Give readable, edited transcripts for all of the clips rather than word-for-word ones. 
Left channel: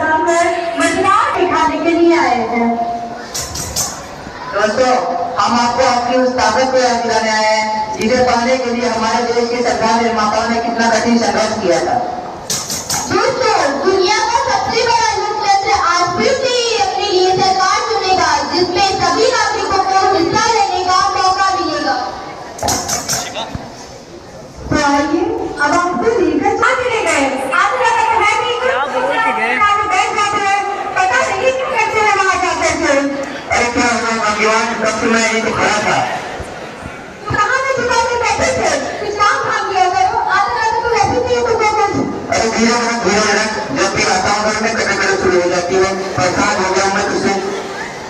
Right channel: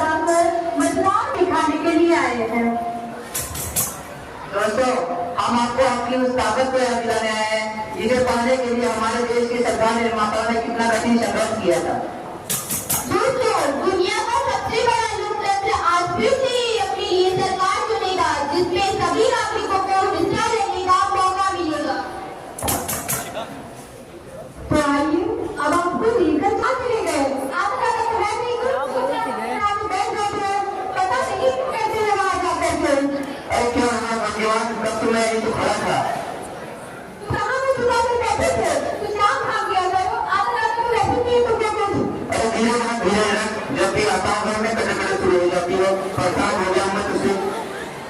प्रधान मतदान दिखाने के लिए आए हैं। दोस्तों, हम आपको अपनी उस ताकत को याद दिलाने आए हैं जिसे पाने के लिए हमारे देश के संविधान निर्माताओं ने कितना कठिन संघर्ष किया था। दोस्तों, दुनिया का सबसे बड़ा लोकतंत्र आज फिर से अपने लिए सरकार चुनेगा जिसमें सभी नागरिकों को हिस्सा लेने का मौका मिलेगा। तो आइए अब आपको लेकर चले गए। आप लगा है कि बैठ जाते हैं, पता नहीं क्यों कैसे है वहाँ जाते थे। क्या हुआ भगवान, तब तो मैं यही खड़ा था। कहाँ में दुकान में बैठे थे, कुछ काम खा लिया करो। आते तो वैसे नहीं तुमको कुछ। अरे धीरे जब भी आता हूँ घर में कटकट शुरू हो जाती है, परेशान हो गया मैं तुझसे।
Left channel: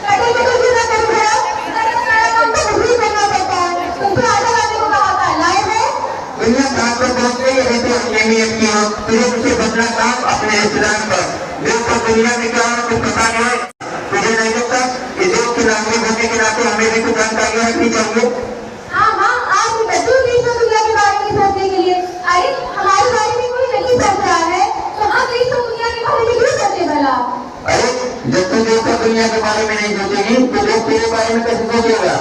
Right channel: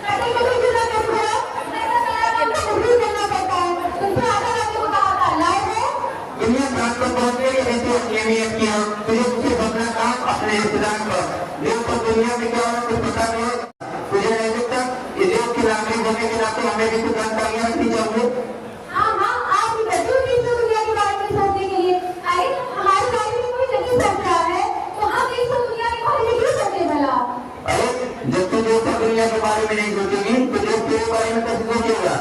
कटकट जितना करो खराब काम तो मुझे करना पड़ता है। तुमसे आधा लाने को कहा था, लाए हैं। दुनिया घाट पर पहुँच गई है तो अहमियत की हो, तुझे मुझे बदला काम अपने रिश्तेदार पर। देखो दुनिया में क्या है कुछ पता नहीं है, तुझे नहीं लगता इस देश के नागरिक होने के नाते हमें भी कुछ जानकारी रखनी चाहिए। हाँ, आज की बच्चों देश और दुनिया के बारे में सोचने के लिए। अरे हमारे बारे में कोई नहीं सोच रहा है तो हम देश और दुनिया के बारे में क्यों सोचे भला? अरे जब तू देश और दुनिया के बारे में नहीं सोचेगी तो लोग तेरे बारे में कैसे सोचेगा?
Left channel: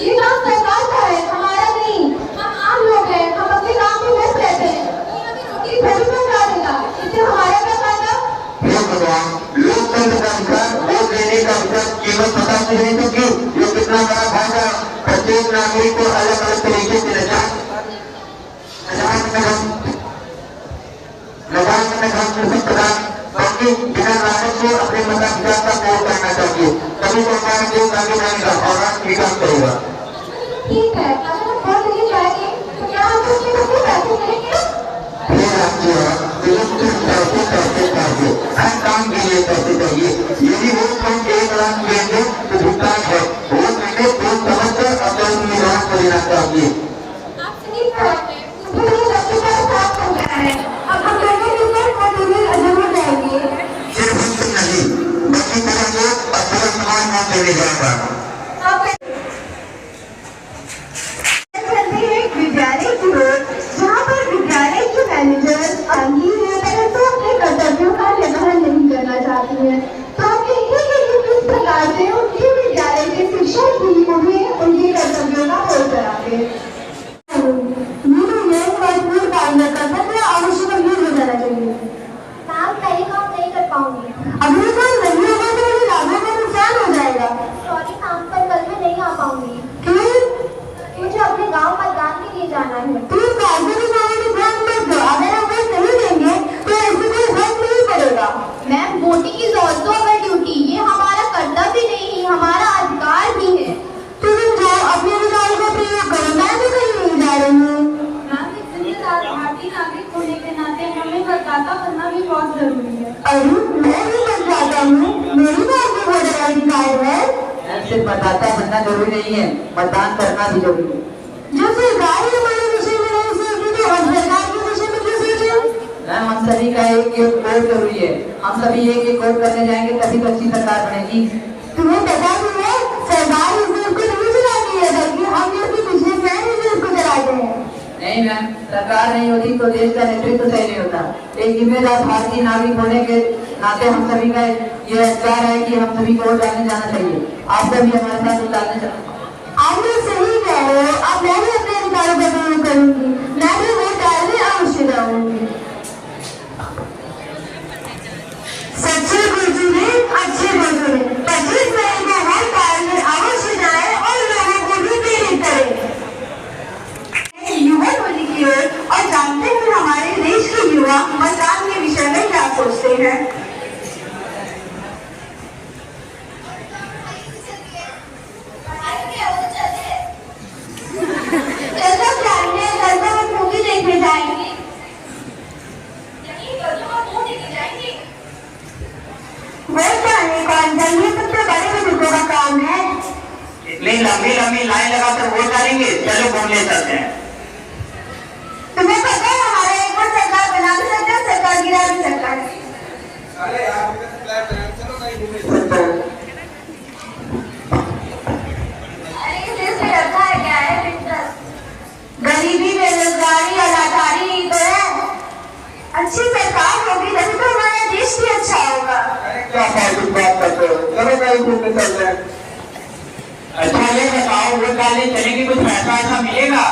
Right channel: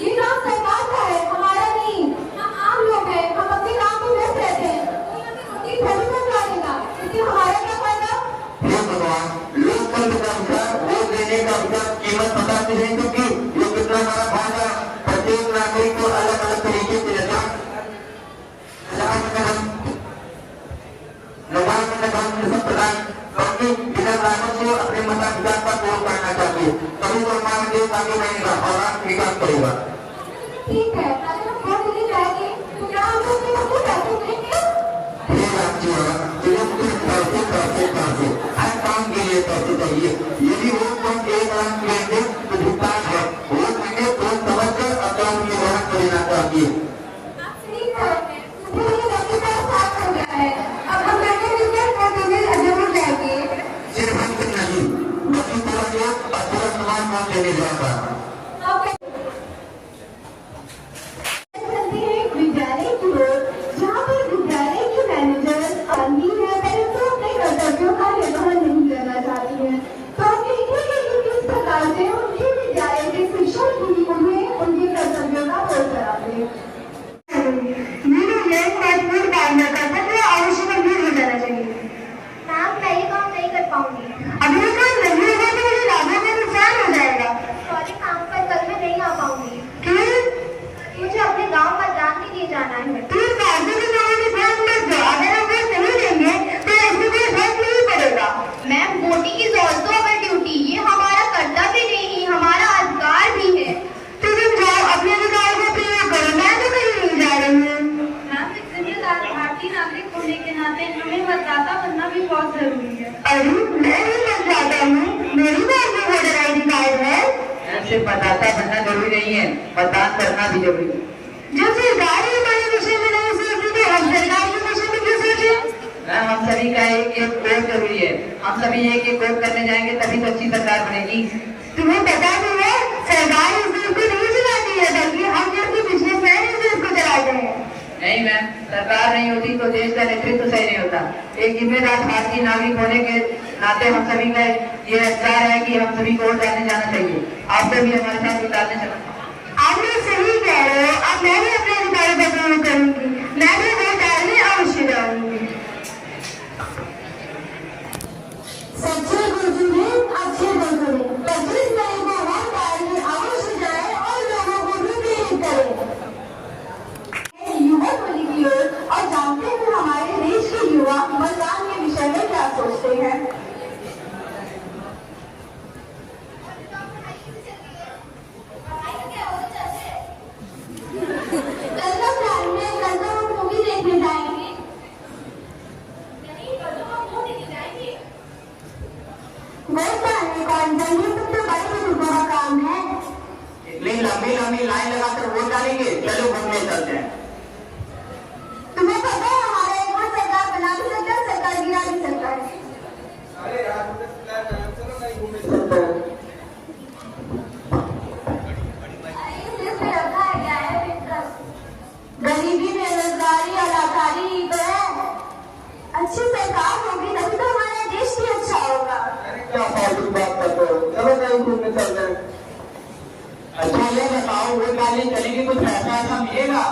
ये काम सरकार का है, हमारा नहीं। हम आम लोग हैं, हम अपने काम में व्यस्त रहते हैं। रोटी थोड़ी बना देगा, इससे हमारा क्या फायदा? हे भगवान, लोकतंत्र का अधिकार, वोट देने का अधिकार, कीमत पता तो नहीं तो क्यों? ये कितना बड़ा फायदा, प्रत्येक नागरिक को अलग अलग तरीके से बिना लागत को अपने मताधिकार का प्रयोग करना चाहिए, तभी तो हमारा देश आगे बढ़ेगा और राष्ट्र विकास करेगा। ठीक है, अगर हम वोट नहीं जाएंगे तो क्या हम उसके सबसे पैसे देंगे? हर काम के लिए पैसे चाहिए। यदि वोट कम 1 लाख देंगे तो भुगतान है, वोट लेंगे तो समझकर अपने निर्णय को लेना चाहिए। आप सही कह रहे हैं, मुझे सबसे बड़ा साथ हो गया है। अब हम लोगों मिलकर वोट देने जरूर जाएंगे। सिर्फ हम नहीं, बल्कि पूरा देश और पूरा समाज वोट देने जाएगा। विद्यालय की ओर, जहाँ पर विद्यालय की मैनेजर आंधी है परंतु अपने कर्तव्यों का निर्वहन नहीं करना चाहती है, तो हम देखेंगे कि किस प्रकार से उनके विद्यालय के शिक्षक भी उन्हें उनके कर्तव्यों का बोध कराते हैं। मजबूर काम न कर सकते, आवश्यक गंभीर हो जाना चाहिए। मैम, मैं ये काम नहीं कर पाऊंगी। अभी काम नहीं होगा तो मुझे लाभों का नुकसान हो जाएगा। सॉरी मैम, पर कल मैं नहीं आ पाऊंगी। क्यों? मुझे अपने गांव मतदान के लिए जाना है। तुम गांव में ध्यान मत दो, अगर हम वोट नहीं देंगे तो ऐसे कोई फर्क नहीं पड़ेगा। Ma'am, voting is also our duty, ये हमारा कर्तव्य नहीं, हमारा अधिकार भी है। तो तुम जाओ अपने अधिकार का प्रयोग करो, मैं तो कहीं नहीं जा रही हूँ। मैम, एक जिम्मेदार भारतीय नागरिक होने के नाते हमें मतदाता बनना भी बहुत जरूरी है। अरे मैं भी मतदाता हूँ, मेरी बात में वोटर आई डी कार्ड है। सिर्फ मतदाता बनना जरूरी नहीं है, मतदान करना भी जरूरी है। जब सरकार हमारे विषय में नहीं सोची तो हम सरकार के विषय में क्यों सोचें? मैम, हम सभी का एक वोट जरूरी है, हम सभी एक वोट करने जाएंगे तभी तो अच्छी सरकार बनेगी। तुम्हें पता तो है सरकार इस देश को नहीं चलाती है, बल्कि हम जैसे बिजनेसमैन इस देश को चलाते हैं। नहीं मैम, सरकार नहीं होती तो देश का नेतृत्व सही नहीं होता। एक जिम्मेदार भारतीय नागरिक होने के नाते हम सभी का ये अधिकार है कि हम सभी को वोट डालने जाना चाहिए। आप सभी हमारे साथ वोट डालने चलना। आप लोग सही कह रहे हो, अब मैं भी अपने अधिकारों का प्रयोग करूंगी, मैं भी वोट डालने अवश्य जाऊंगी। सच्चे बुजुर्ग अच्छे बुजुर्ग 25 मई को वोट डालने अवश्य जाए और लोगों को भी प्रेरित करें। युवा टोली की ओर और जानते हैं हमारे देश के युवा मतदान के विषय में क्या सोचते हैं। लंबी लाइन लगाकर वोट डालेंगे, चलो घूमने चलते हैं। तुम्हें पता है हमारा एक बार सरकार बना भी सकता है, सरकार गिरा भी सकता है। अरे यार चलो नहीं घूमने। अरे इस देश में रखा है क्या है मित्र? गरीबी, बेरोजगारी और लाचारी तो है। अच्छी सरकार होगी तभी तो हमारा देश भी अच्छा होगा। वाले चलेंगे, कुछ पैसा ऐसा मिलेगा?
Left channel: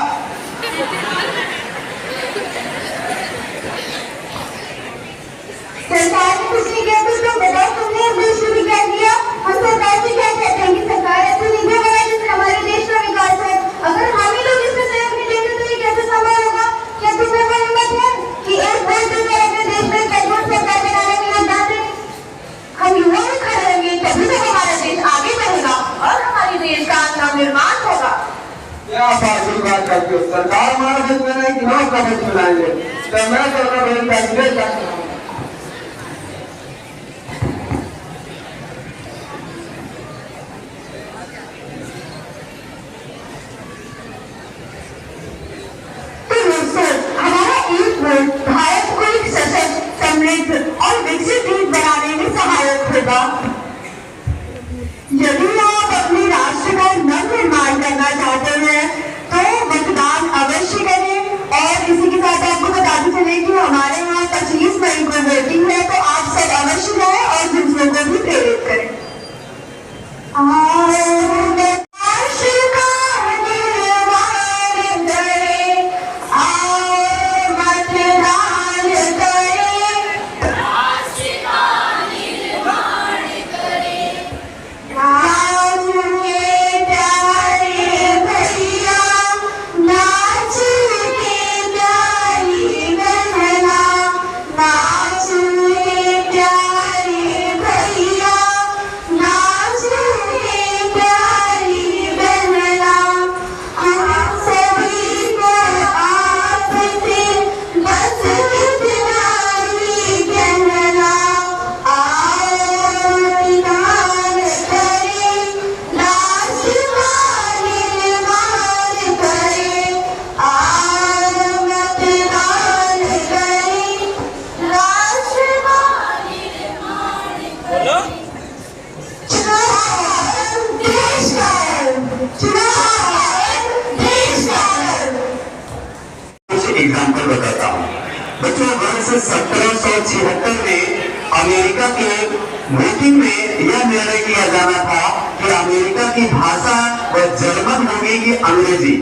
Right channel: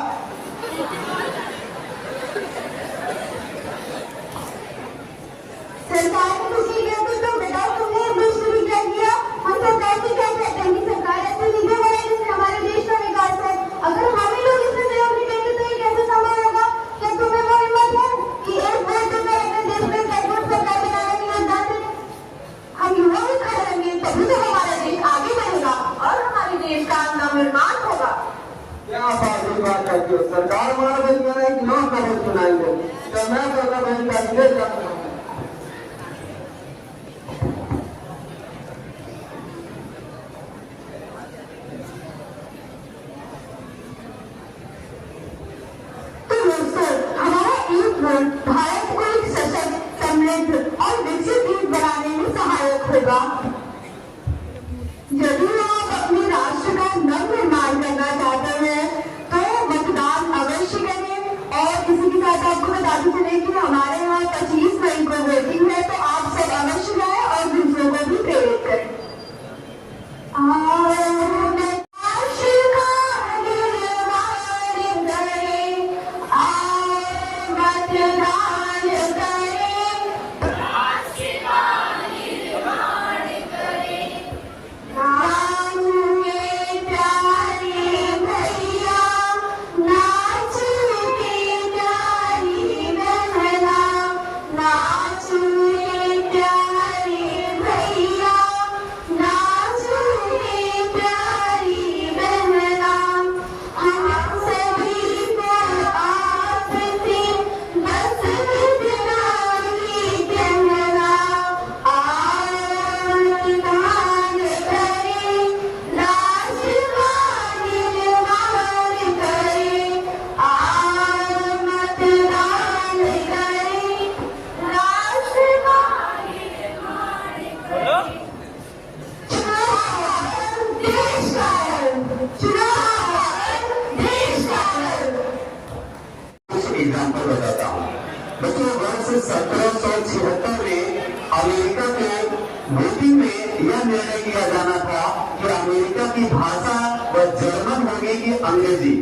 सरकार ने कुछ नहीं किया तो तुम बताओ, तुमने इस देश को भी क्या किया? हम सरकार से क्या कहते हैं कि सरकार ऐसी नीतियां बनाए जिससे हमारे देश का विकास हो। अगर हम ही लोग इसमें सहयोग नहीं देंगे तो ये कैसे संभव होगा? क्या तुम्हें कोई हिम्मत है कि एक वोट देकर अपने देश में मजबूत सरकार बनाने में योगदान दें? हम युवा भी खड़े रहेंगे, तभी तो हमारा देश आगे बढ़ेगा और हमारे देश का नवनिर्माण होगा। क्या फाजिल बात करती हो? सरकार हमारा बस बनाएगी, हम अपना बस बनाएंगे। तो मैं तो अपना बस बनाएंगे। भारत को एक सशक्त, समृद्ध और विकसित देश बनाने में सहायक होगा। यदि आप अपने राष्ट्र का नवनिर्माण करना चाहते हैं तो मतदान अवश्य करें। और इसी के साथ आपको बताते चले कि हमारे यहाँ 25 मई को वोटिंग है, तो आप सब अवश्य जाएं और दूसरों को भी प्रेरित करें। एग्जाम्पल बताता हूँ बच्चों। वर्ष 1776 में अमेरिका के मीटिंग में यह निर्णय किया जाना था कि अमेरिका की भाषा व जर्मन होगी कि अंग्रेजी।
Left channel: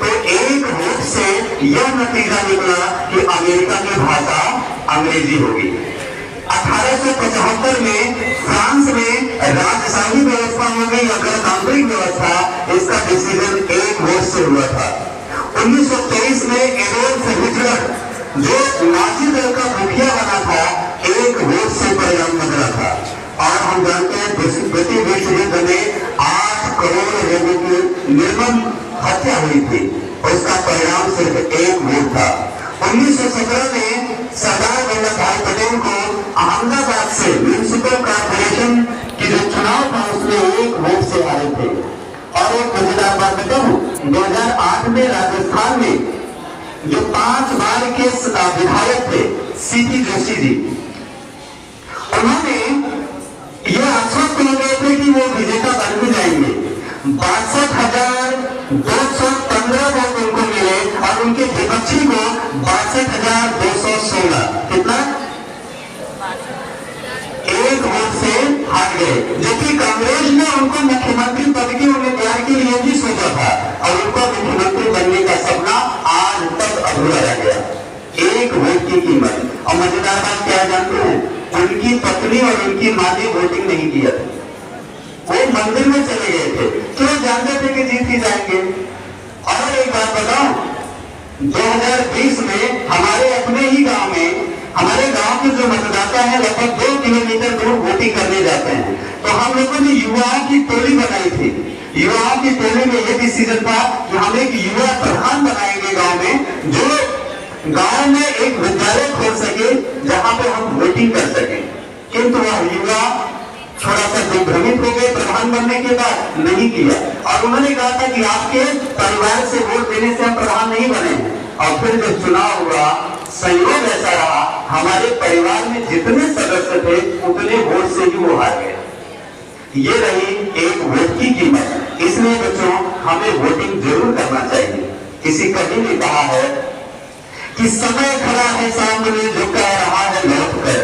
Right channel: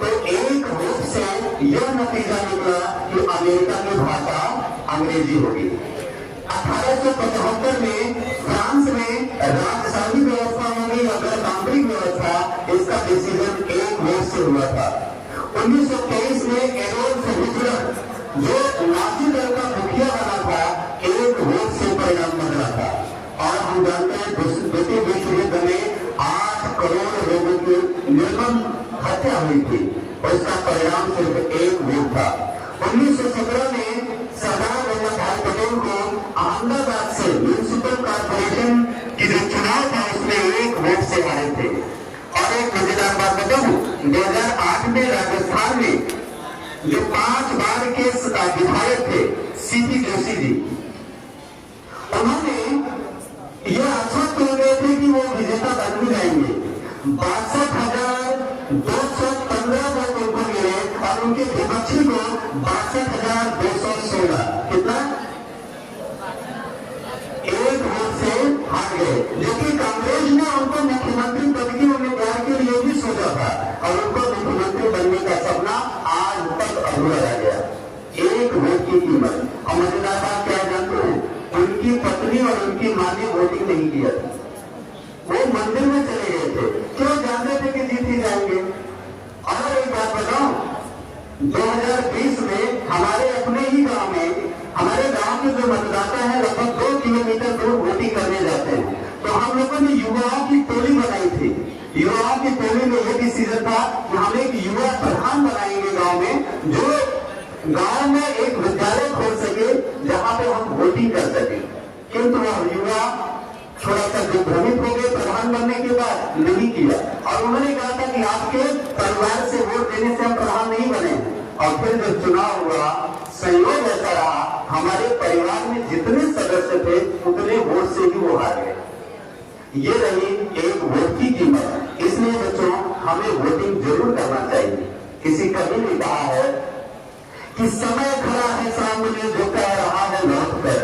तो एक वोट से यह नतीजा निकला कि अमेरिका की भाषा अंग्रेजी होगी। 1875 में फ्रांस में राजशाही व्यवस्था हो गई या गणतांत्रिक व्यवस्था, इसका डिसीजन एक वोट से हुआ था। 1923 में एडोल्फ हिटलर जो नाजी दल का मुखिया बना था, एक वोट से परिणाम बदला था। और हम जानते हैं द्वितीय विश्व युद्ध में 8 करोड़ लोगों की निर्मम हत्या हुई थी, उसका परिणाम सिर्फ एक वोट था। 1917 में सरदार वल्लभ भाई पटेल को अहमदाबाद से म्यूनिसिपल कॉर्पोरेशन की जो चुनाव था उसमें एक वोट से हारे थे। और एक मजेदार बात बताऊं, 2008 में राजस्थान में जो 5 बार के विधायक थे सीपी जोशी जी, उन्होंने यह आश्वस्त हो गए थे कि वो विजेता बन भी जाएंगे। 62,215 वोट उनको मिले और उनके विपक्षी को 62,216। कितना? एक वोट से हार गए। जबकि कांग्रेस ने उनको मुख्यमंत्री पद की उम्मीदवार के लिए भी सोचा था और उनको मुख्यमंत्री बनने का सपना आज तक अधूरा रह गया। एक वोट की कीमत। और मजेदार बात क्या जानते हैं, उनकी पत्नी और उनकी मां ने वोटिंग नहीं किया था, वो मंदिर में चले गए थे, क्यों? जानते थे कि जीत ही जाएंगे। और एक बात बताओ, 2020 में हमारे अपने ही गांव में, हमारे गांव के जो मतदाता हैं लगभग 2 किलोमीटर दूर वोटिंग करने जाते हैं, तो हम लोगों ने युवाओं की टोली बनाई थी। युवाओं की टोली में यह डिसीजन था कि हम एक युवा प्रधान बनाएंगे गांव में, जो गांव में एक विद्यालय खोल सके जहां पर हम वोटिंग कर सके। किंतु वह युवा थोड़ा सा भ्रमित हो गए प्रधान बनने के बाद, नहीं किया। और उन्होंने कहा था कि आपके परिवार से वोट देने से हम प्रधान नहीं बने। और फिर जब चुनाव हुआ, संयोग ऐसा रहा, हमारे परिवार में जितने सदस्य थे उतने वोट से ही वो हार गए। ये रही एक वोट की कीमत। इसलिए बच्चों, हमें वोटिंग जरूर करना चाहिए। किसी कवि ने कहा है कि समय खड़ा है सामने जो कह रहा है लौट कर,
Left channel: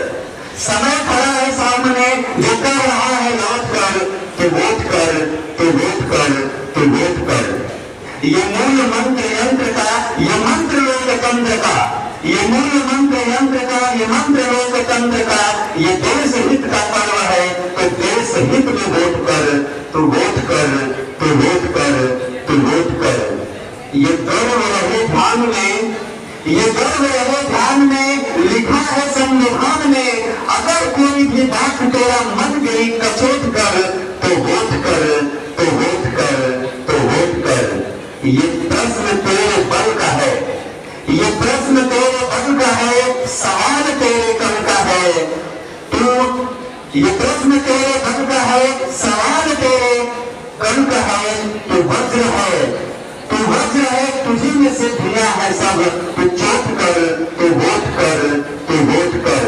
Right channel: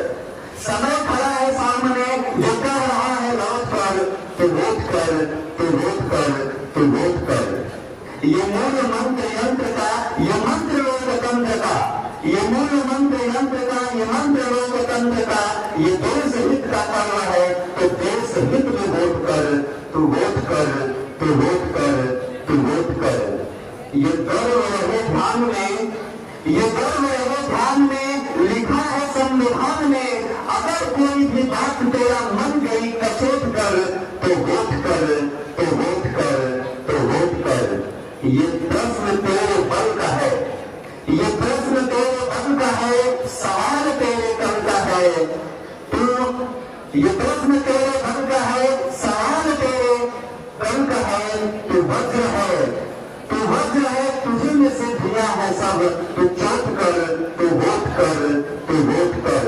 समय खड़ा है सामने जो कह रहा है लौट कर, तो वोट कर, तो वोट कर, तो वोट कर। ये मूल मंत्र यंत्र का, ये मंत्र लोकतंत्र का, ये देश हित का पर्व है। तो देश हित में वोट कर, तो वोट कर, तो वोट कर, तो वोट कर। ये गर्व रहे ध्यान में, ये गर्व रहे ध्यान में, लिखा है संविधान में, अगर कोई भी बात तेरा मन गई कचोट कर, तो वोट कर, तो वोट कर, तो वोट कर। ये प्रश्न तेरे बल का है, ये प्रश्न तेरे बल का है, सवाल तेरे कल का है। तू, ये प्रश्न तेरे बल का है, सवाल तेरे कल का है। तू वज्र है, तू वज्र है, तुझी में से दिया है सब। तू चोट कर, तू वोट कर, तू वोट कर।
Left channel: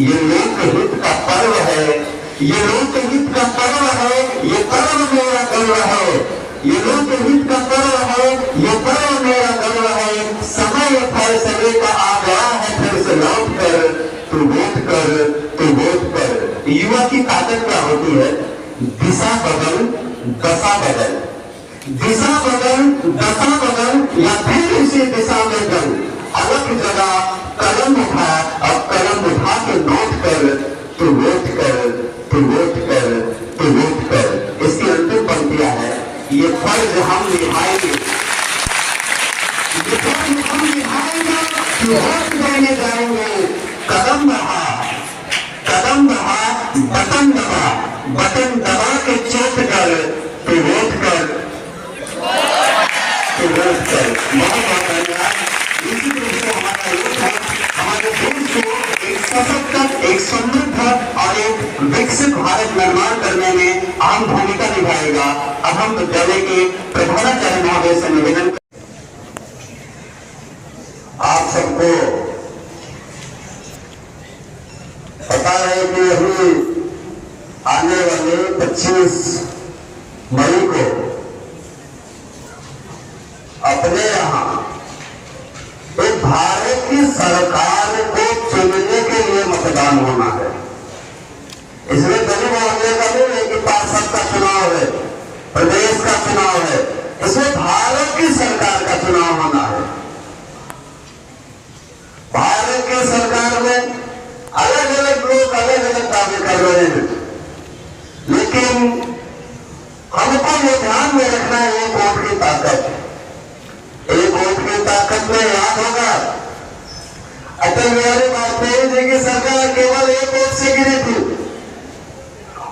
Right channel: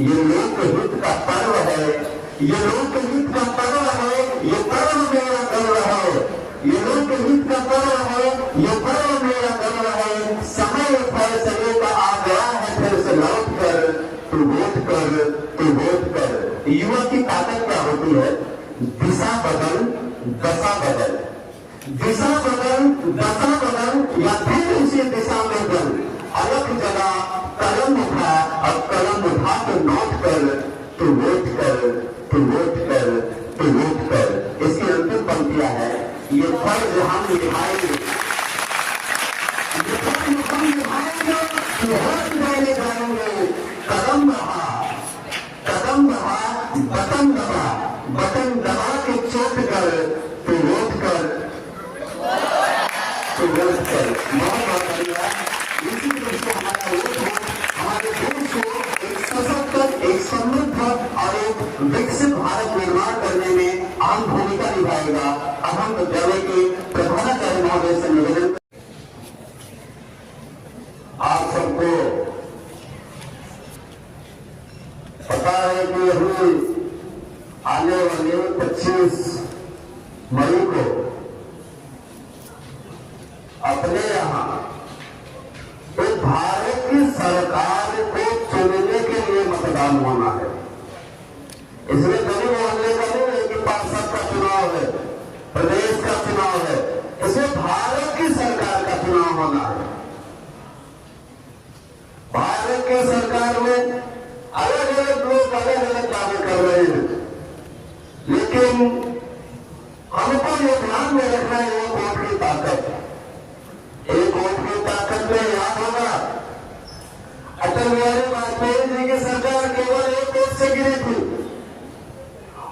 ये लोकहित का पर्व है, ये लोकहित का पर्व है, ये पर्व मेरा गर्व है। ये लोकहित का पर्व है, ये पर्व मेरा गर्व है। समय फैसले का आ गया है, फिर से लौट कर, तू वोट कर, तू वोट कर। युवा की ताकत क्या होती है? दिशा बदल, दशा बदल, दिशा बदल, दशा बदल, या फिर इसी दिशा में चल। अलग जगह कलम उठा, अब कलम उठा के नोट कर, तू वोट कर, तू वोट कर, तू वोट कर। इसकी अंतिम पंक्तियां है, ये फर्ज हम निभाएंगे, ये फर्ज हम निभाएंगे कि वोट देने जाएंगे। कदम बढ़ा, कदम बढ़ा, बटन दबा, बटन दबा के चोट कर, तू वोट कर, तू वोट कर। बहुत बहुत धन्यवाद। इसी तरह से हमारा वोट है हमारे देश को एक सशक्त, एक समृद्ध और एक विकसित भारत निर्माण करने में अहम भूमिका निभाएगा। अब हम विद्यालय के प्रधानाचार्य महोदय से निवेदन, आप सबको पता है कि अभी आने वाले 25 मई को अपने यहाँ एक भारत की सरकार को चुनने के लिए मतदान होना है। इसमें गली मोहल्ले का नहीं है कि पार्षद का चुनाव है, प्रदेश का चुनाव है, इसमें भारत की सरकार का चुनाव होना है। भारत की सरकार में अलग अलग लोग अलग अलग दावे कर रहे हैं, लेकिन हमको ये ध्यान में रखना है एक वोट की ताकत। एक वोट की ताकत में याद होगा अटल बिहारी वाजपेयी जी की सरकार केवल एक वोट से गिरी थी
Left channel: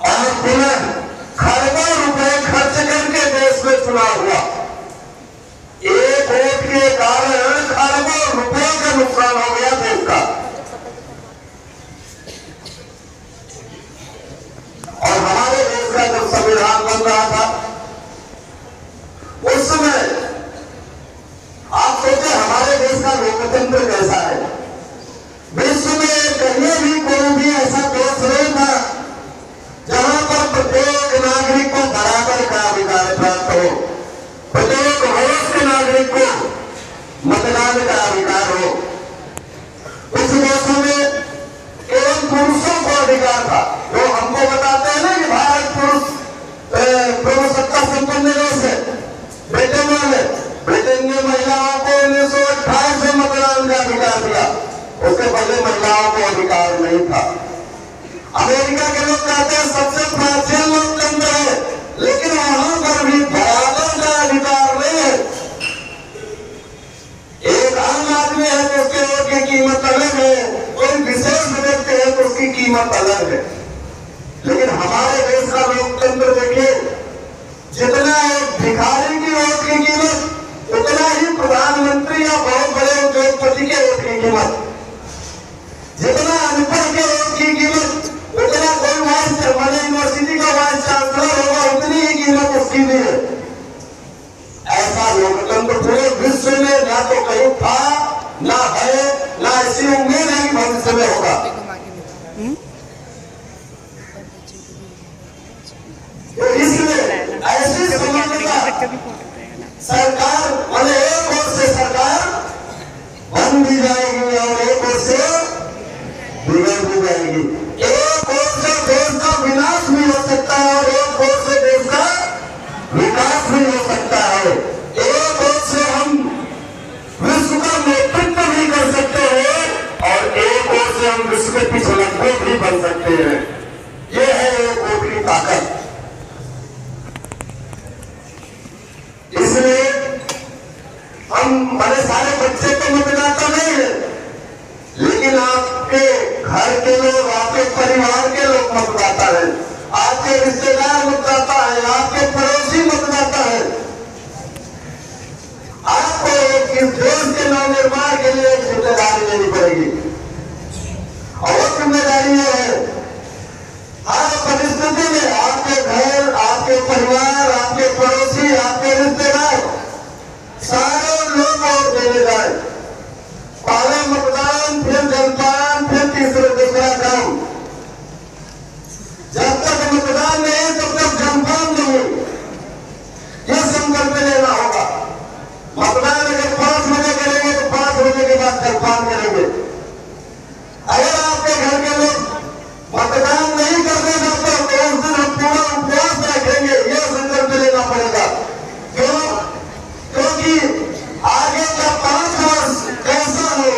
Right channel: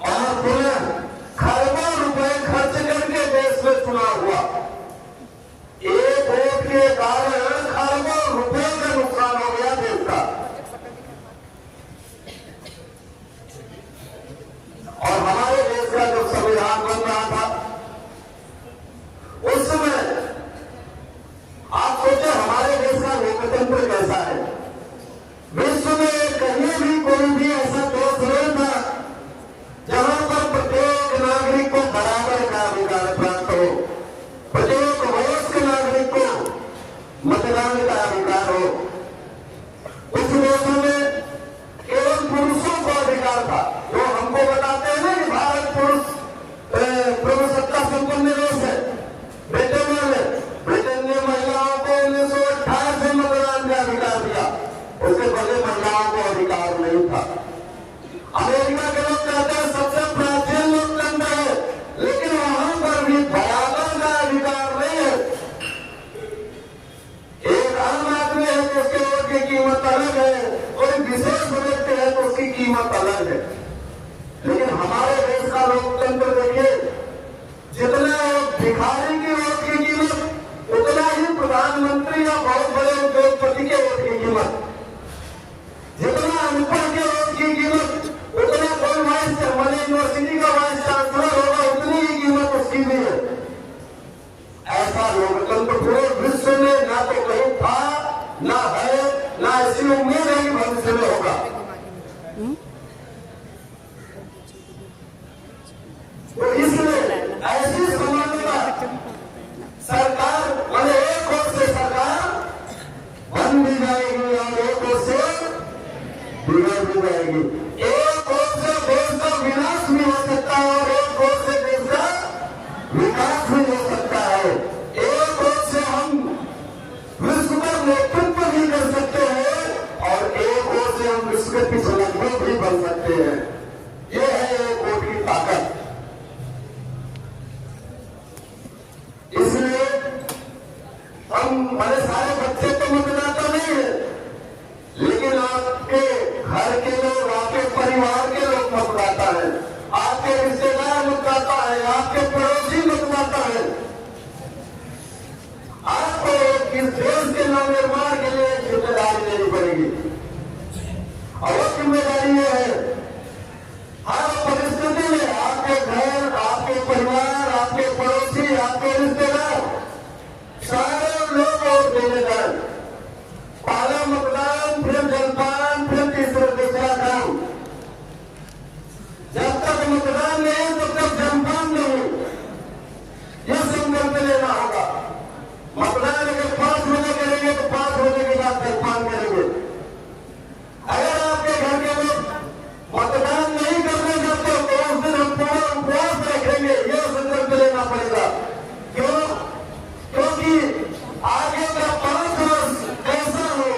और पुनः खरबों रुपए खर्च करके देश में चुनाव हुआ। एक वोट के कारण खरबों रुपए का नुकसान हो गया देश का। और हमारे देश का जब संविधान बन रहा था उस समय आप सोचे हमारे देश का लोकतंत्र कैसा है। विश्व में कहीं भी कोई भी ऐसा देश नहीं था जहां पर प्रत्येक नागरिक को बराबर का अधिकार प्राप्त हो, प्रत्येक देश के नागरिक को मतदान का अधिकार हो। कुछ देशों में केवल पुरुषों को अधिकार था। जो हमको बताते हैं ना कि भारत पुरुष सत्ता संपन्न देश है, ब्रिटेन वाले, ब्रिटेन ने महिलाओं को 1928 में मतदान का अधिकार दिया, उसके पहले महिलाओं को अधिकार नहीं था। अमेरिका के लोग कहते हैं सबसे प्राचीन लोकतंत्र है, लेकिन वहां पर भी बराबर का अधिकार नहीं है। एक आम आदमी है तो उसके वोट की कीमत अलग है, कोई विशेष व्यक्ति है तो उसकी कीमत अलग है। लेकिन हमारे देश का लोकतंत्र देखिए, जितना एक भिखारी की वोट की कीमत उतना ही प्रधानमंत्री या बहुत बड़े उद्योगपति के वोट की कीमत, जितना अनपढ़ के वोट की कीमत उतना कोई हमारे यूनिवर्सिटी का वाइस चांसलर होगा उतनी ही कीमत उसकी भी है। ऐसा लोकतंत्र पूरे विश्व में ना तो कहीं था, ना है, ना ऐसी उम्मीद है कि भविष्य में होगा। तो इसलिए ऐसी समानता सरकार मैंने एक ओर से सरकार बन भी जाएगी और एक ओर से बिगड़ भी जाएगी। एक ओर से देश का विनाश भी हो सकता है और एक ओर से देश का विकास भी हो सकता है। एक ओर से हम विश्व का नेतृत्व भी कर सकते हैं घर के लोग, आपके परिवार के लोग मतदाता है, आपके रिश्तेदार मतदाता है, आपके पड़ोसी मतदाता है। आपको इस देश के नवनिर्माण के लिए एक जिम्मेदारी लेनी पड़ेगी और वो जिम्मेदारी ये है हर परिस्थिति में आपके घर, आपके परिवार, आपके पड़ोसी, आपके रिश्तेदार सारे लोग वोट देने जाए। पहले मतदान, फिर जलपान, फिर दूसरा काम। जब तक मतदान नहीं तब तक जलपान नहीं, ये संकल्प लेना होगा। मतदान अगर 5 बजे करेंगे तो 5 बजे के बाद जलपान करेंगे। अगर आपके घर के लोग मतदान नहीं करने जाते तो उस दिन हम पूरा उपवास रखेंगे, ये संकल्प लेना पड़ेगा। क्यों? क्योंकि आगे का 5 वर्ष कैसा हो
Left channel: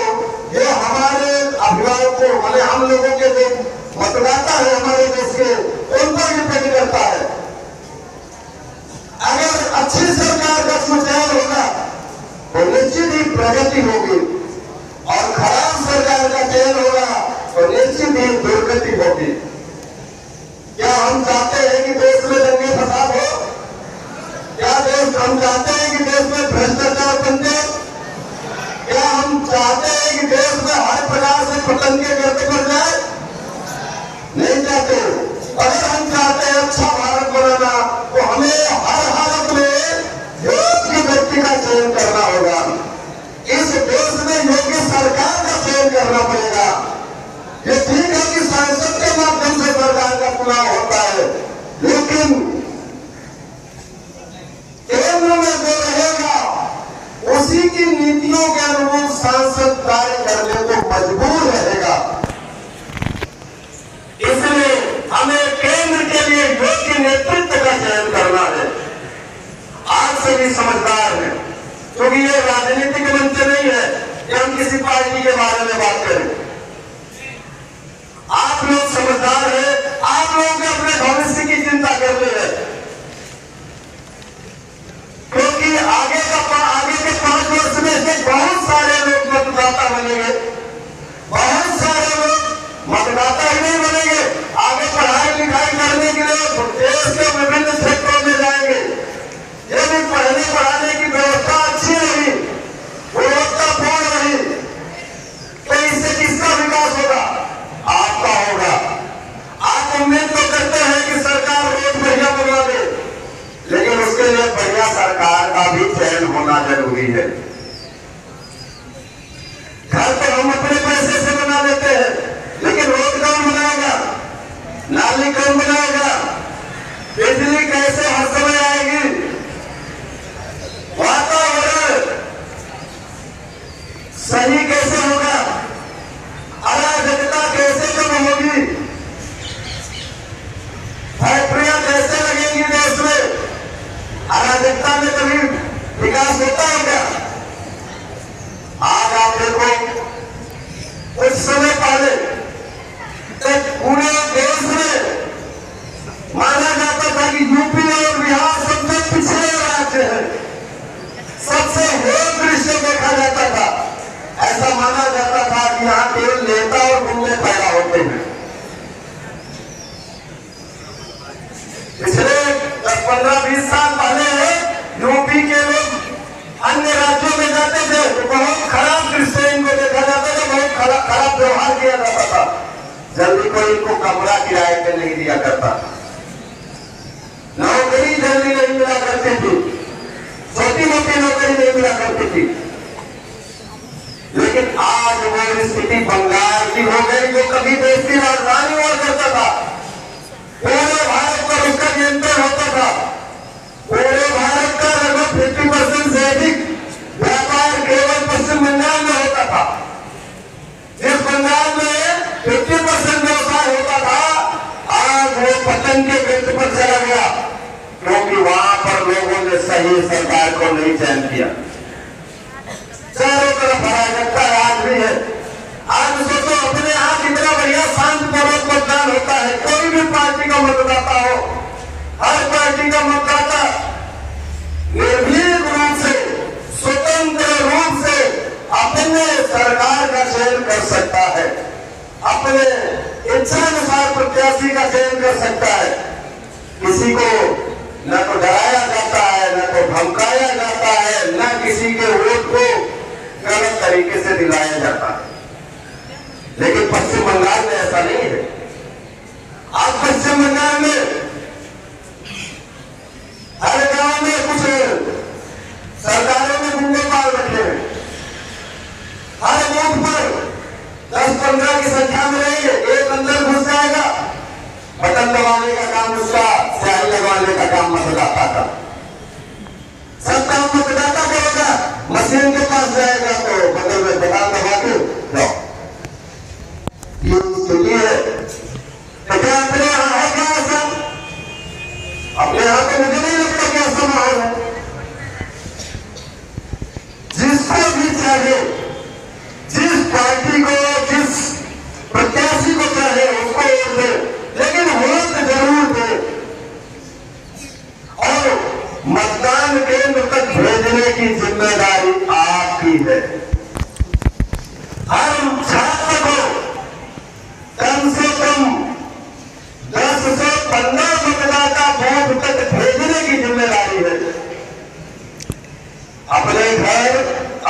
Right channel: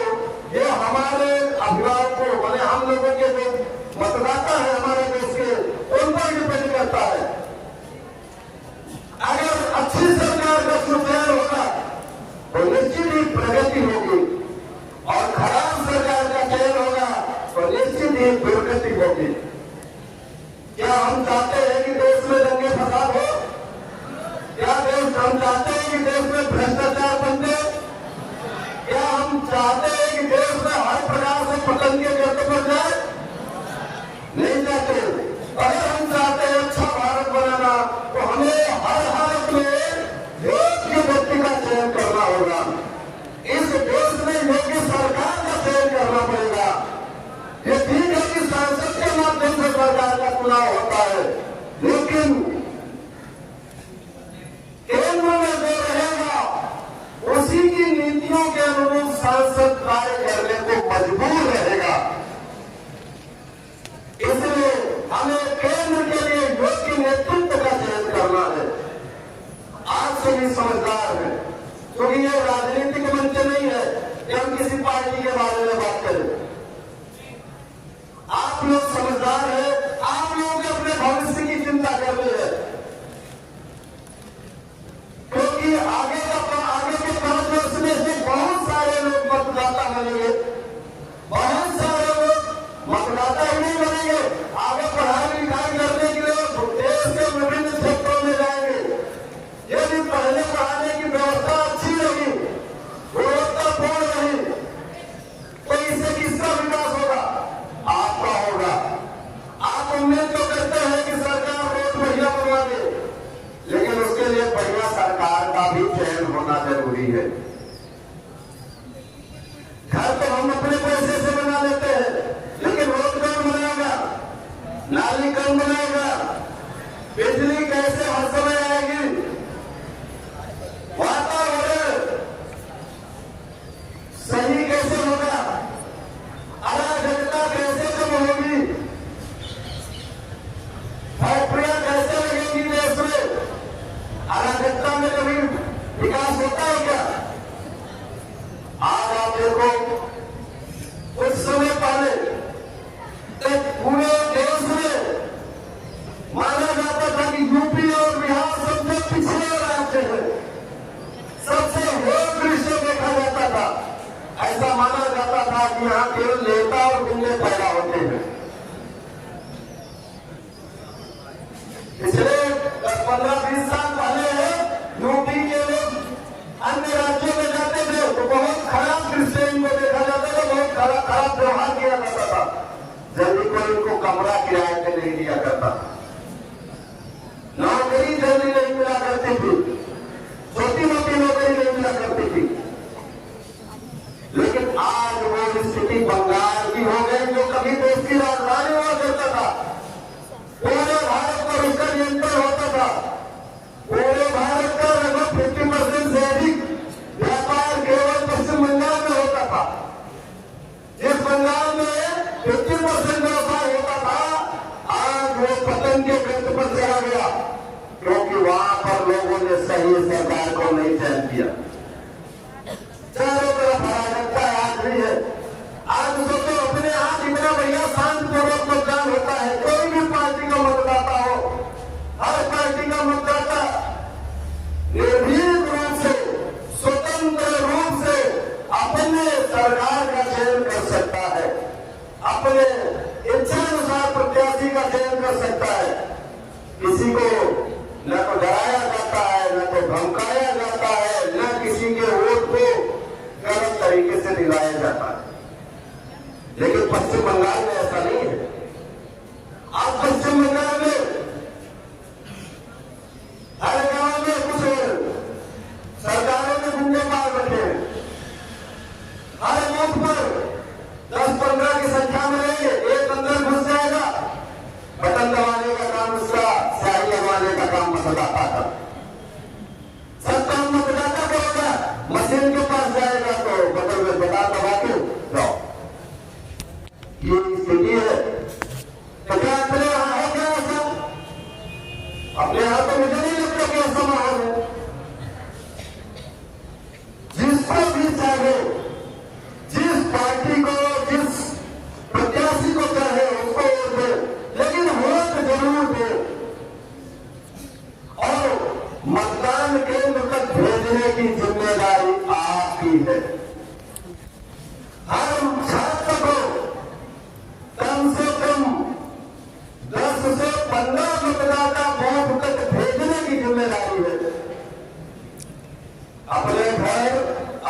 ये हमारे अभिभावकों, माने हम लोगों के जो मतदाता है हमारे देश के, उन पर डिपेंड करता है। अगर अच्छी सरकार का सुधार होगा तो निश्चित ही प्रगति होगी और खराब सरकार का चयन होगा तो निश्चित ही दुर्गति होगी। क्या हम चाहते हैं कि देश में दंगे फसाद हो? क्या हम चाहते हैं कि देश में भ्रष्टाचार बन जाए? क्या हम चाहते हैं कि देश में हर प्रकार से पतंगे गर्द कर जाए? नहीं चाहते। अगर हम चाहते हैं अच्छा भारत बनाना तो हमें हर हालत में योग्य व्यक्ति का चयन करना होगा। इस देश में योग्य सरकार का चयन करना पड़ेगा। ये ठीक है कि संसद के माध्यम से सरकार का चुनाव होता है, लेकिन केंद्र में जो रहेगा उसी की नीतियों के अनुरूप सांसद कार्य करने को मजबूर रहेगा। इसलिए हमें केंद्र के लिए योग्य नेतृत्व का चयन करना है। आज सभी समझदार हैं, क्योंकि ये राजनीतिक मंच नहीं है कि हम किसी पार्टी के बारे में बात करें। आप लोग समझदार हैं, आप लोगों को अपने भविष्य की चिंता करनी है, क्योंकि आगे के 5 वर्ष में से बहुत सारे लोग मतदाता बनेंगे, बहुत सारे लोग मतदाता ही नहीं बनेंगे, आगे पढ़ाई लिखाई करने के लिए देश के विभिन्न क्षेत्रों में जाएंगे। यदि पढ़ने पढ़ाने की व्यवस्था अच्छी रही, गुणवत्तापूर्ण रही, तो इससे किसका विकास होगा? आपका होगा। आप उम्मीद तो करते हैं कि सरकार रोड बढ़िया बनवा दे, लेकिन उसके लिए बढ़िया सरकार का भी चयन होना जरूरी है। घर तो हम अपने पैसे से बना लेते हैं, लेकिन रोड कौन बनाएगा? नाली कौन बनाएगा? बिजली कैसे हर समय आएगी? वातावरण सही कैसे होगा? अराजकता कैसे कम होगी? फैक्ट्रियां कैसे लगेंगी देश में? अराजकता में कभी विकास होता है क्या? आज आप देखो, कुछ समय पहले एक पूरे देश में माना जाता था कि यूपी और बिहार सबसे पिछड़े राज्य है, सबसे हेय दृश्य देखा जाता था। ऐसा माना जाता था कि यहाँ केवल नेता और गुंडे पैदा होते हैं। पिछले 10-15-20 साल पहले यूपी के लोग अन्य राज्यों में जाते थे तो बहुत खराब दृश्य इनको देखा जाता था, बहुत खराब व्यवहार किया जाता था। जल्दी कोई इनको कमरा किराए पे नहीं दिया करता, नौकरी जल्दी नहीं मिला करती थी, छोटी मोटी नौकरी नहीं मिला करती थी। लेकिन आज वो स्थिति बंगाल की हो गई, जो कभी देश की राजधानी हुआ करता था। पूरे भारत पर उसका नियंत्रण होता था। पूरे भारत का लगभग 50% से अधिक व्यापार केवल पश्चिम बंगाल में होता था। जिस बंगाल में 50% व्यवसाय होता था, आज वो पतन के बिंदु पर चला गया, क्योंकि वहां पर लोगों ने सही सरकार को नहीं चयन किया। चारों तरफ अराजकता राज भी है। आज सोचो, अपने यहाँ कितना बढ़िया शांतिपूर्वक मतदान होता है। कोई भी पार्टी का मतदाता हो, हर पार्टी का मतदाता निर्भीक रूप से, स्वतंत्र रूप से अपने सरकार का चयन कर सकता है। अपने इच्छानुसार प्रत्याशी का चयन कर सकता है। किसी को न तो डराया जाता है, न तो धमकाया जाता है, न किसी के वोट को गलत तरीके से दिलाया जाता है। लेकिन पश्चिम बंगाल में ऐसा नहीं है। आप पश्चिम बंगाल में हर गांव में कुछ सरकारों ने गुंडे पाल रखे हैं। हर बूथ पर 10-15 की संख्या में रहेंगे, एक अंदर घुस जाएगा, बटन दबाने का काम उसका, स्याही लगवाने का काम मतदाता का। सब काम मतदाता करेगा, मशीन के पास जाएगा तो बगल में बटन दबा के जाओ। ये स्थिति है। तो क्या अपने यहाँ है क्या ऐसा? अपने यहाँ पे मुझे नहीं लगता कि ऐसा माहौल है। जिसको भी चाहिए, जिस पार्टी को, जिस प्रत्याशी को चाहे उसको वोट दे, लेकिन वोट जरूर दे और मतदान केंद्र तक भेजने की जिम्मेदारी आपकी है। हर छात्र को कम से कम 10 से 15 मतदाता बूथ तक भेजने की जिम्मेदारी है। अपने घर,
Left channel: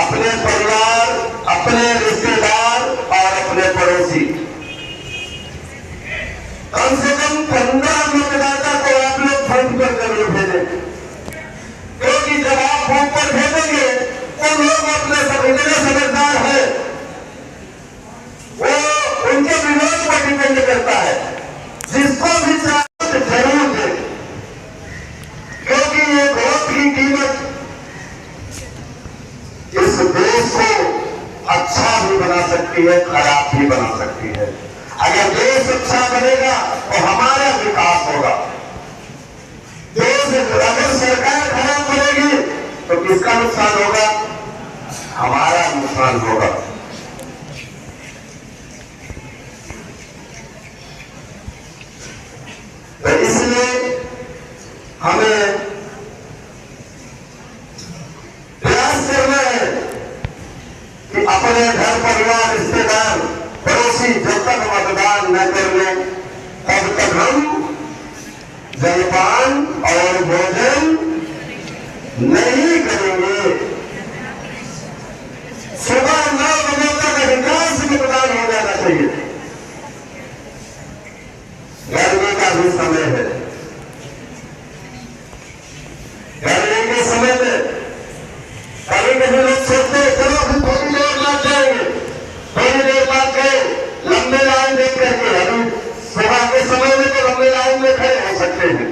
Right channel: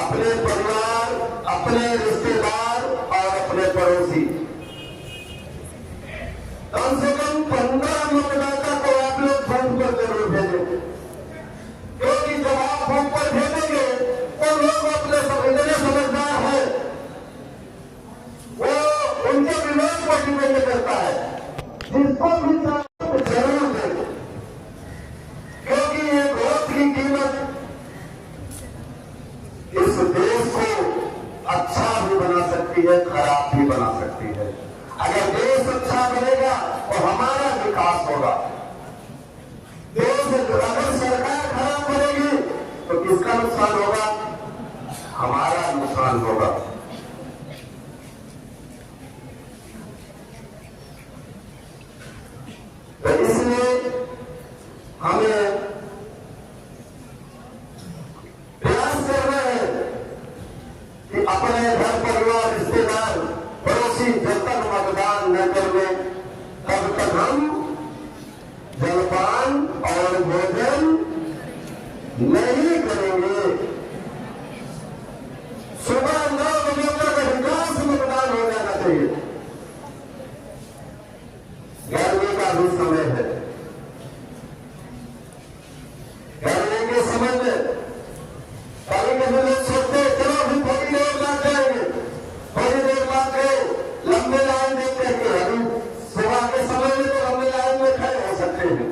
अपने परिवार, अपने रिश्तेदार और अपने पड़ोसी, कम से कम 15 मतदाता को आप लोग बूथ पर जरूर भेजें। क्योंकि जब आप बूथ पर भेजेंगे तो लोग अपने इतने समझदार हैं, वो उनके विरोध पर डिपेंड करता है। जिसको भी चाहिए जरूर दे, क्योंकि ये वोट की कीमत इस देश को अच्छा भी बना सकती है, खराब भी बना सकती है। अगर देश अच्छा बनेगा तो हमारा विकास होगा। देश अगर सरकार खराब बनेगी तो किसका नुकसान होगा? हमारा नुकसान होगा। तो इसलिए हमें प्रयास करना है कि अपने घर, परिवार, रिश्तेदार, पड़ोसी जब तक मतदान न कर ले तब तक हम जलपान और भोजन नहीं करेंगे। सुबह 9 बजे तक अधिकांश मतदान हो जाना चाहिए। गर्मी का भी समय है। गर्मी के समय में कभी कभी लोग सोचते हैं चलो अभी थोड़ी देर बाद जाएंगे, थोड़ी देर बाद गए, लंबे लाइन देख करके। अभी सुबह के समय में तो लंबे लाइन में खड़े हो सकते हैं,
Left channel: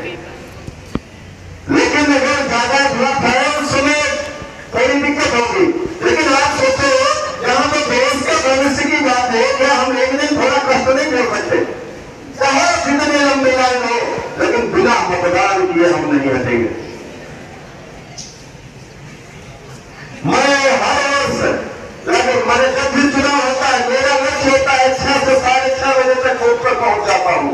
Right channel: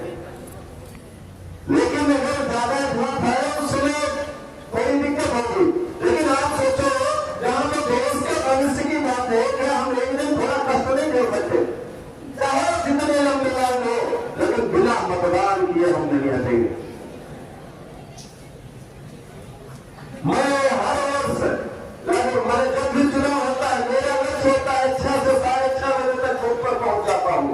लेकिन अगर ज्यादा धूप है उस समय कोई दिक्कत होगी। लेकिन आप सोचते हो जहां पे देश का भविष्य की बात है, क्या हम एक दिन थोड़ा कष्ट नहीं कर सकते? चाहे जितने लंबे लाइन हो, लेकिन बिना मतदान किए हम नहीं हटेंगे। मैं हर वर्ष लगभग मेरे जब भी चुनाव होता है, मेरा लक्ष्य होता है 6 से 6:30 बजे तक वोट पर पहुंच जाता हूं।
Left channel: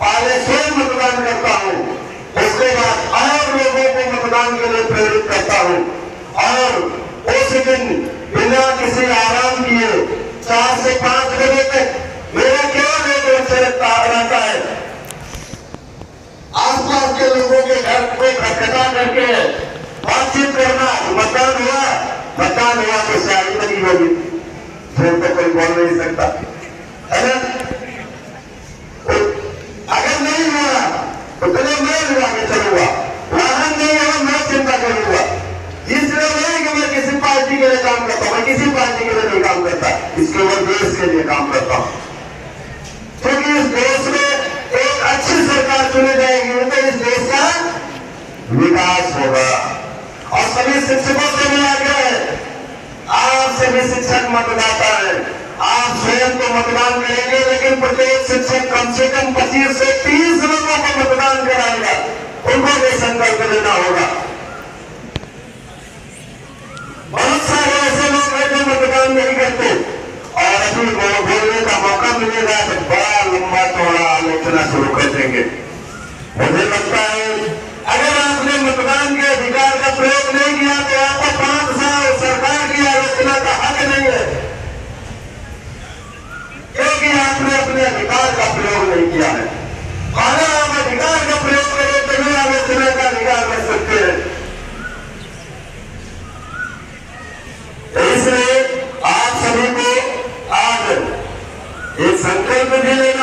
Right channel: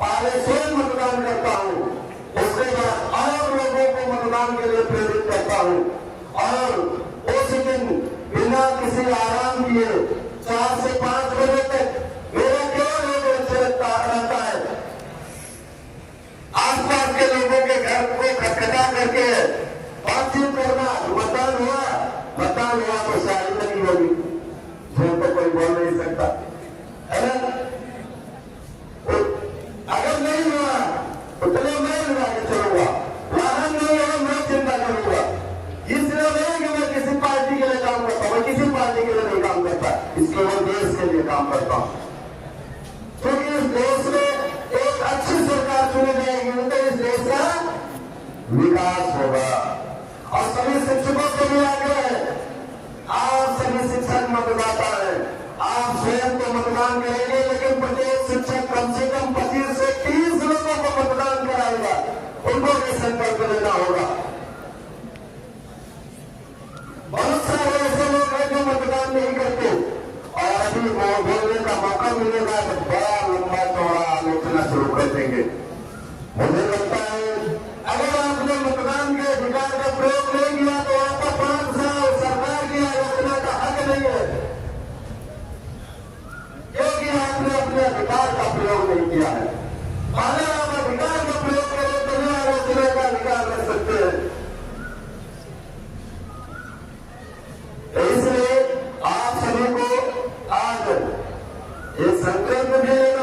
पहले स्वयं मतदान करता हूं, उसके बाद और लोगों को मतदान के लिए प्रेरित करता हूं और उस दिन बिना किसी आराम किए 4 से 5 बजे तक मेरा केवल एक लक्ष्य रहता है, आसपास के लोगों के घर को खटखटा करके बातचीत करना। मतदान हुआ तो स्याही लगी होगी, झूठ तो कोई बोल नहीं सकता, है ना? अगर नहीं हुआ तो चलो मैं हुआ कि चलूंगा, वाहन नहीं हुआ मैं चिंता करूंगा। इसलिए नहीं कि मैं किसी पार्टी के लिए काम करता हूं, मैं किसी पार्टी के लिए नहीं काम करता, इसके बाद देश के लिए काम करता हूं। क्योंकि इस देश में एक अच्छी सरकार चुनी जाएगी तो इस देश का विकास होगा। और सभी शिक्षकों से भी आग्रह है, आप सभी शिक्षक मतदाता हैं, आप स्वयं तो मतदान करेंगे, लेकिन प्रत्येक शिक्षक कम से कम 25 से 30 लोगों को मतदान कराएगा, उनको भी संकल्प लेना होगा। बहुत सारे ऐसे लोग हैं जो मतदान नहीं करते और अभी बोलने का मौका मिलेगा तो बड़ा लंबा चौड़ा आलोचना शुरू कर देंगे। मुझे लगता है अगर आपने मतदान के अधिकार का प्रयोग नहीं किया तो आपको 5 साल सरकार की आलोचना का हक नहीं है, क्योंकि संकल्प भी लेना